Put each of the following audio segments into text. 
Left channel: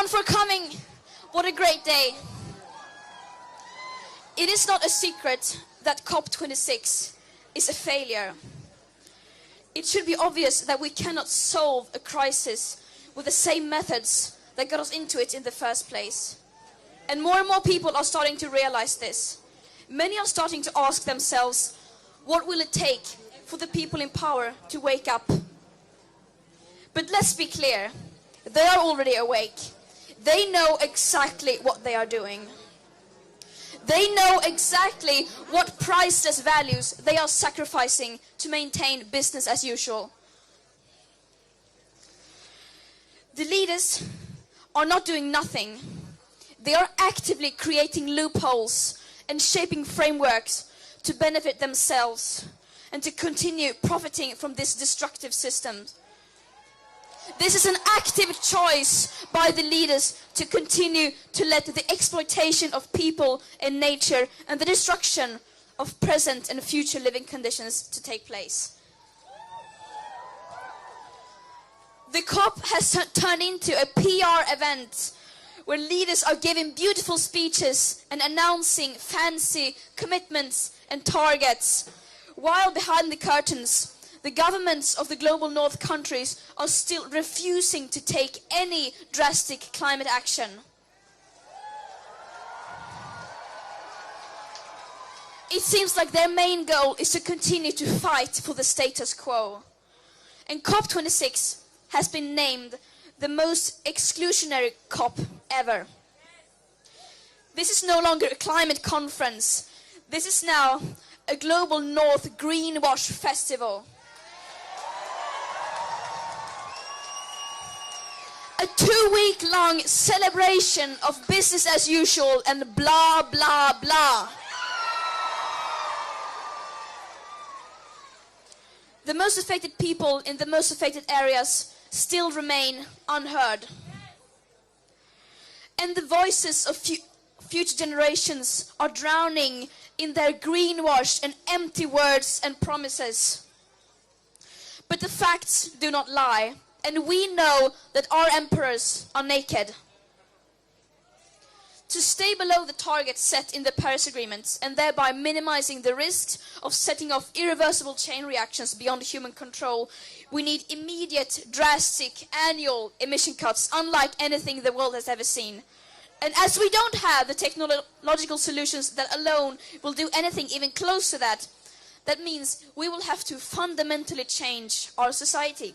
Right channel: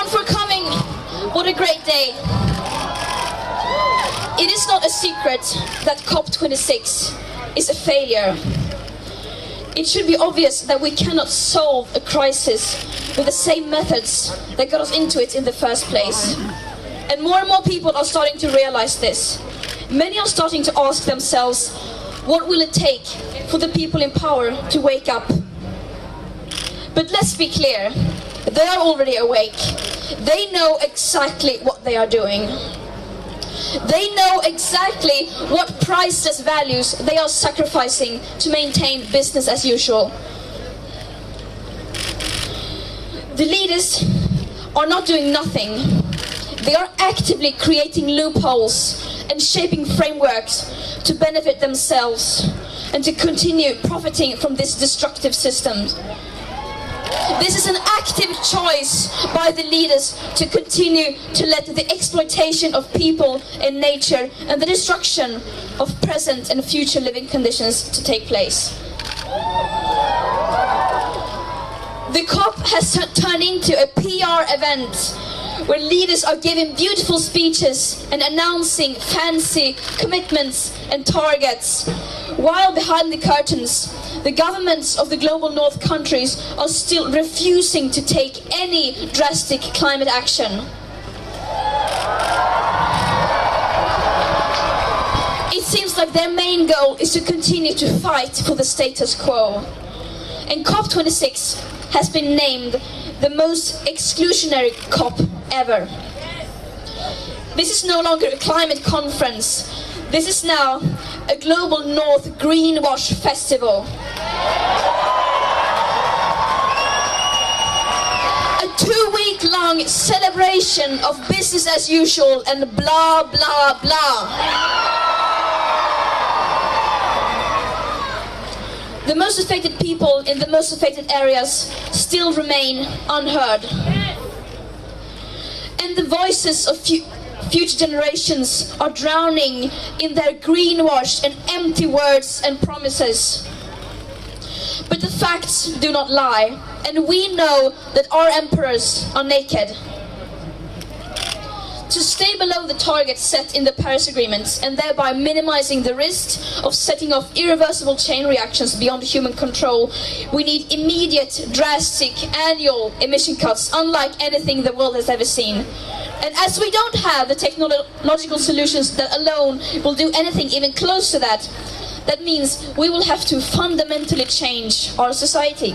everyone for coming. What a great day. It is not a secret that COP26 is a failure. It should be obvious that we cannot solve a crisis with the same methods that got us into it in the first place. And more people are starting to realize this. Many are starting to ask themselves, what will it take for the people in power to wake up? But let's be clear, they are already awake. They know exactly what they are doing. They know exactly what priceless values they are sacrificing to maintain business as usual. The leaders are not doing nothing. They are actively creating loopholes and shaping frameworks to benefit themselves and to continue profiting from this destructive system. This is an active choice by the leaders to continue to let the exploitation of people and nature and the destruction of present and future living conditions to take place. The COP has turned into a PR event where leaders are giving beautiful speeches and announcing fancy commitments and targets, while behind the curtains, the governments of the global north countries are still refusing to take any drastic climate action. It seems like their main goal is to continue to fight for the status quo. And COP26 has been named the most exclusionary COP ever. This is no longer a climate conference. This is now a global North Greenwash Festival. A 2-week-long celebration of business as usual and blah, blah, blah. The most affected people in the most affected areas still remain unheard. And the voices of future generations are drowning in their greenwash and empty words and promises. But the facts do not lie, and we know that our emperors are naked. To stay below the target set in the Paris Agreement and thereby minimizing the risk of setting off irreversible chain reactions beyond human control, we need immediate, drastic, annual emission cuts unlike anything the world has ever seen. And as we don't have the technological solutions that alone will do anything even close to that, that means we will have to fundamentally change our society.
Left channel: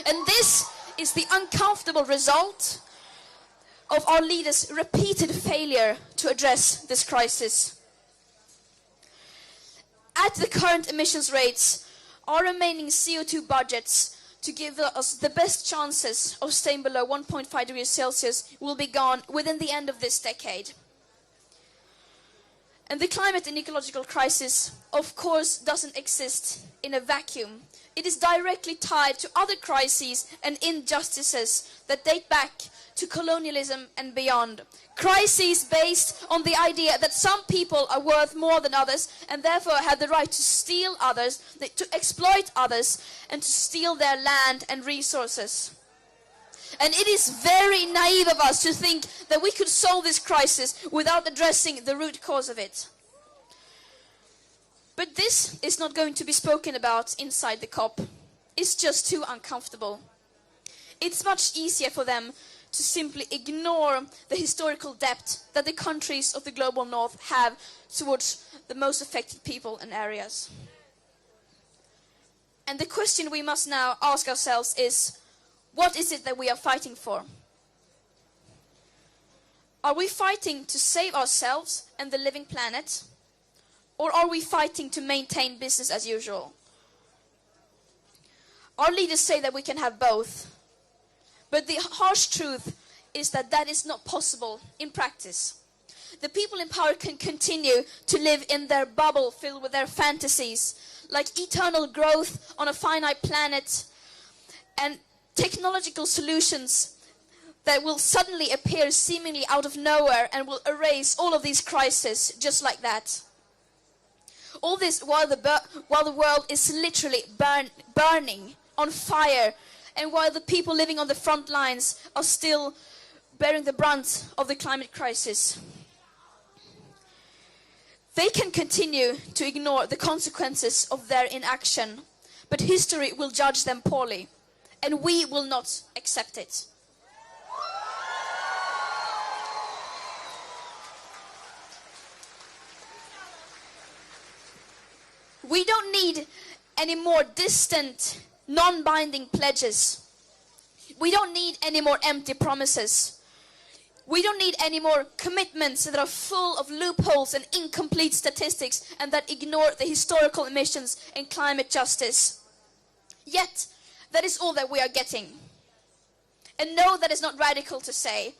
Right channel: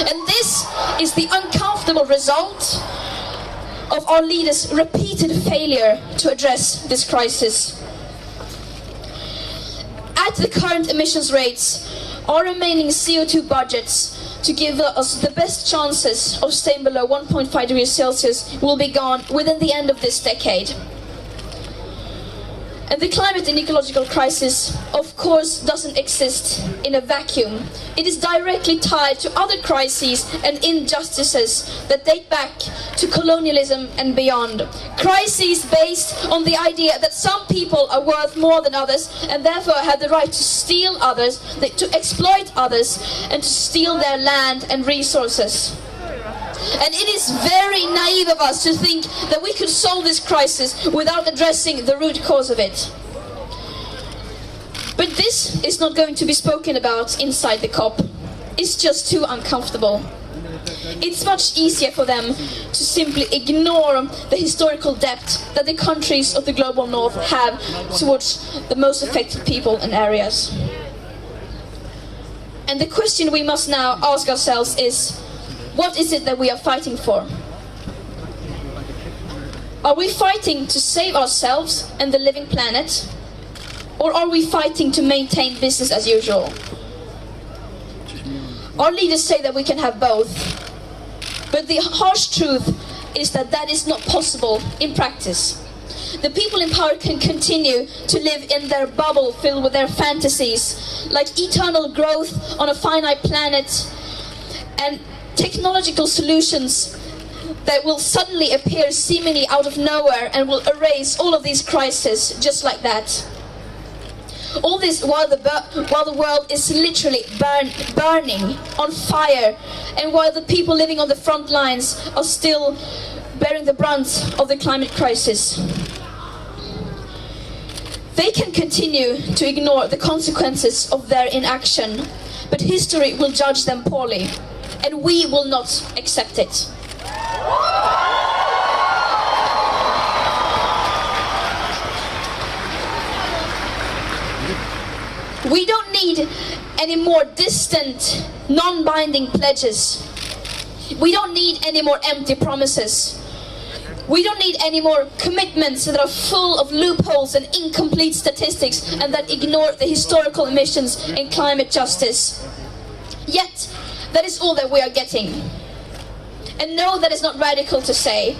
And this is the uncomfortable result of our leaders' repeated failure to address this crisis. At the current emissions rates, our remaining CO2 budgets to give us the best chances of staying below 1.5 degrees Celsius will be gone within the end of this decade. And the climate and ecological crisis, of course, doesn't exist in a vacuum. It is directly tied to other crises and injustices that date back to colonialism and beyond. Crises based on the idea that some people are worth more than others and therefore have the right to steal others, to exploit others, and to steal their land and resources. And it is very naive of us to think that we could solve this crisis without addressing the root cause of it. But this is not going to be spoken about inside the COP. It's just too uncomfortable. It's much easier for them to simply ignore the historical debt that the countries of the global north have towards the most affected people and areas. And the question we must now ask ourselves is, what is it that we are fighting for? Are we fighting to save ourselves and the living planet? Or are we fighting to maintain business as usual? Our leaders say that we can have both. But the harsh truth is that that is not possible in practice. The people in power can continue to live in their bubble filled with their fantasies, like eternal growth on a finite planet, and technological solutions that will suddenly appear seemingly out of nowhere and will erase all of these crises just like that. All this while the world is literally burning on fire, and while the people living on the front lines are still bearing the brunt of the climate crisis. They can continue to ignore the consequences of their inaction, but history will judge them poorly, and we will not accept it. We don't need any more distant, non-binding pledges. We don't need any more empty promises. We don't need any more commitments that are full of loopholes and incomplete statistics and that ignore the historical emissions and climate justice. Yet, that is all that we are getting. And no, that is not radical to say.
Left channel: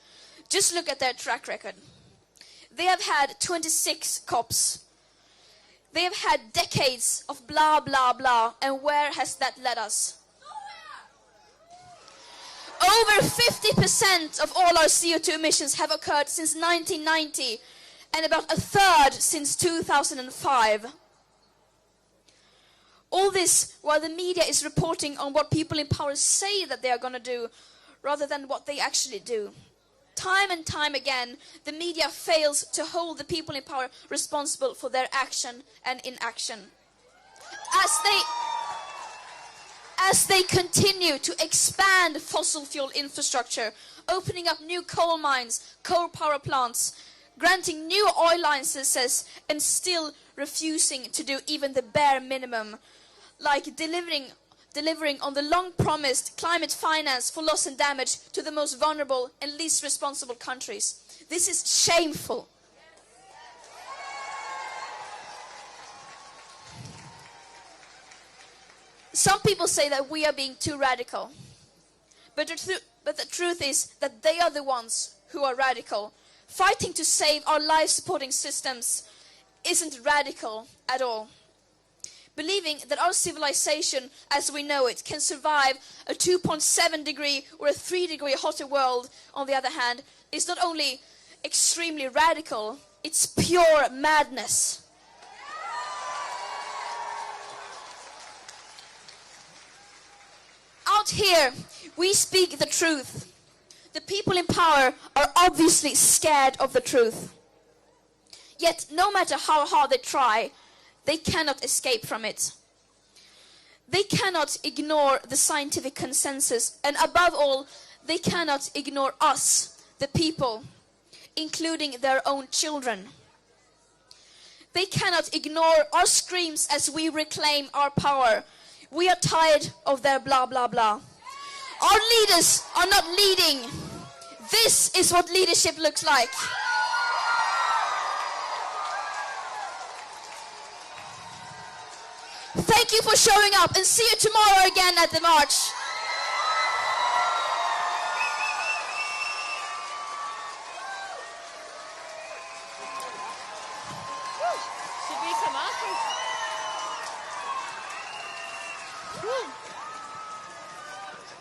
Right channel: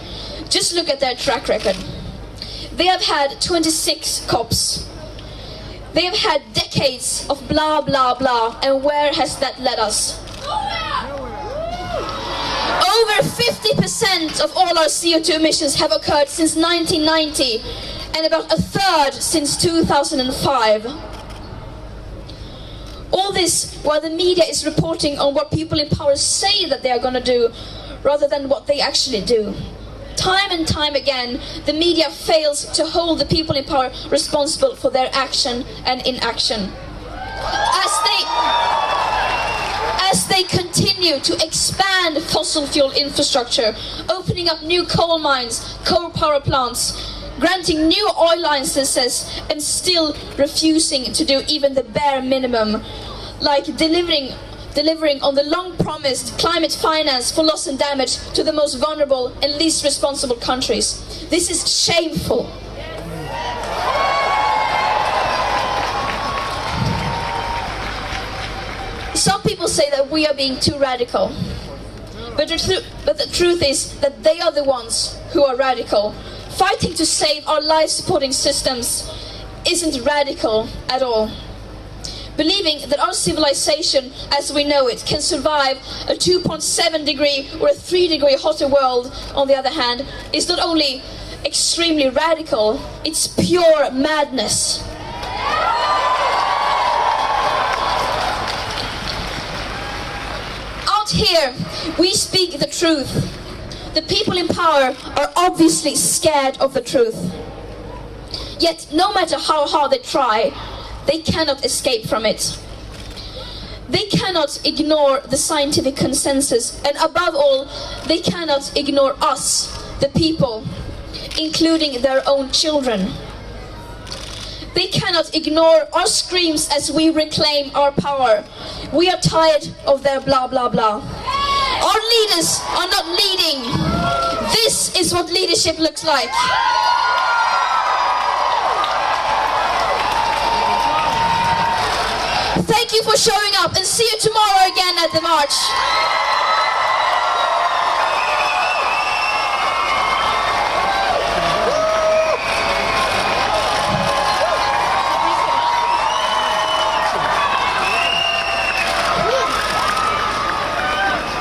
Just look at their track record. They have had 26 COPs. They have had decades of blah, blah, blah, and where has that led us? Over 50% of all our CO2 emissions have occurred since 1990, and about a third since 2005. All this while the media is reporting on what people in power say that they are going to do, rather than what they actually do. Time and time again, the media fails to hold the people in power responsible for their action and inaction. As they continue to expand fossil fuel infrastructure, opening up new coal mines, coal power plants, granting new oil licenses, and still refusing to do even the bare minimum, like delivering on the long-promised climate finance for loss and damage to the most vulnerable and least responsible countries. This is shameful. Some people say that we are being too radical, but the truth is that they are the ones who are radical. Fighting to save our life-supporting systems isn't radical at all. Believing that our civilization as we know it can survive a 2.7 degree or a 3 degree hotter world, on the other hand, is not only extremely radical, it's pure madness. Out here, we speak the truth. The people in power are obviously scared of the truth. Yet, no matter how hard they try, they cannot escape from it. They cannot ignore the scientific consensus, and above all, they cannot ignore us, the people, including their own children. They cannot ignore our screams as we reclaim our power. We are tired of their blah blah blah. Our leaders are not leading. This is what leadership looks like. Thank you for showing up, and see you tomorrow again at the march.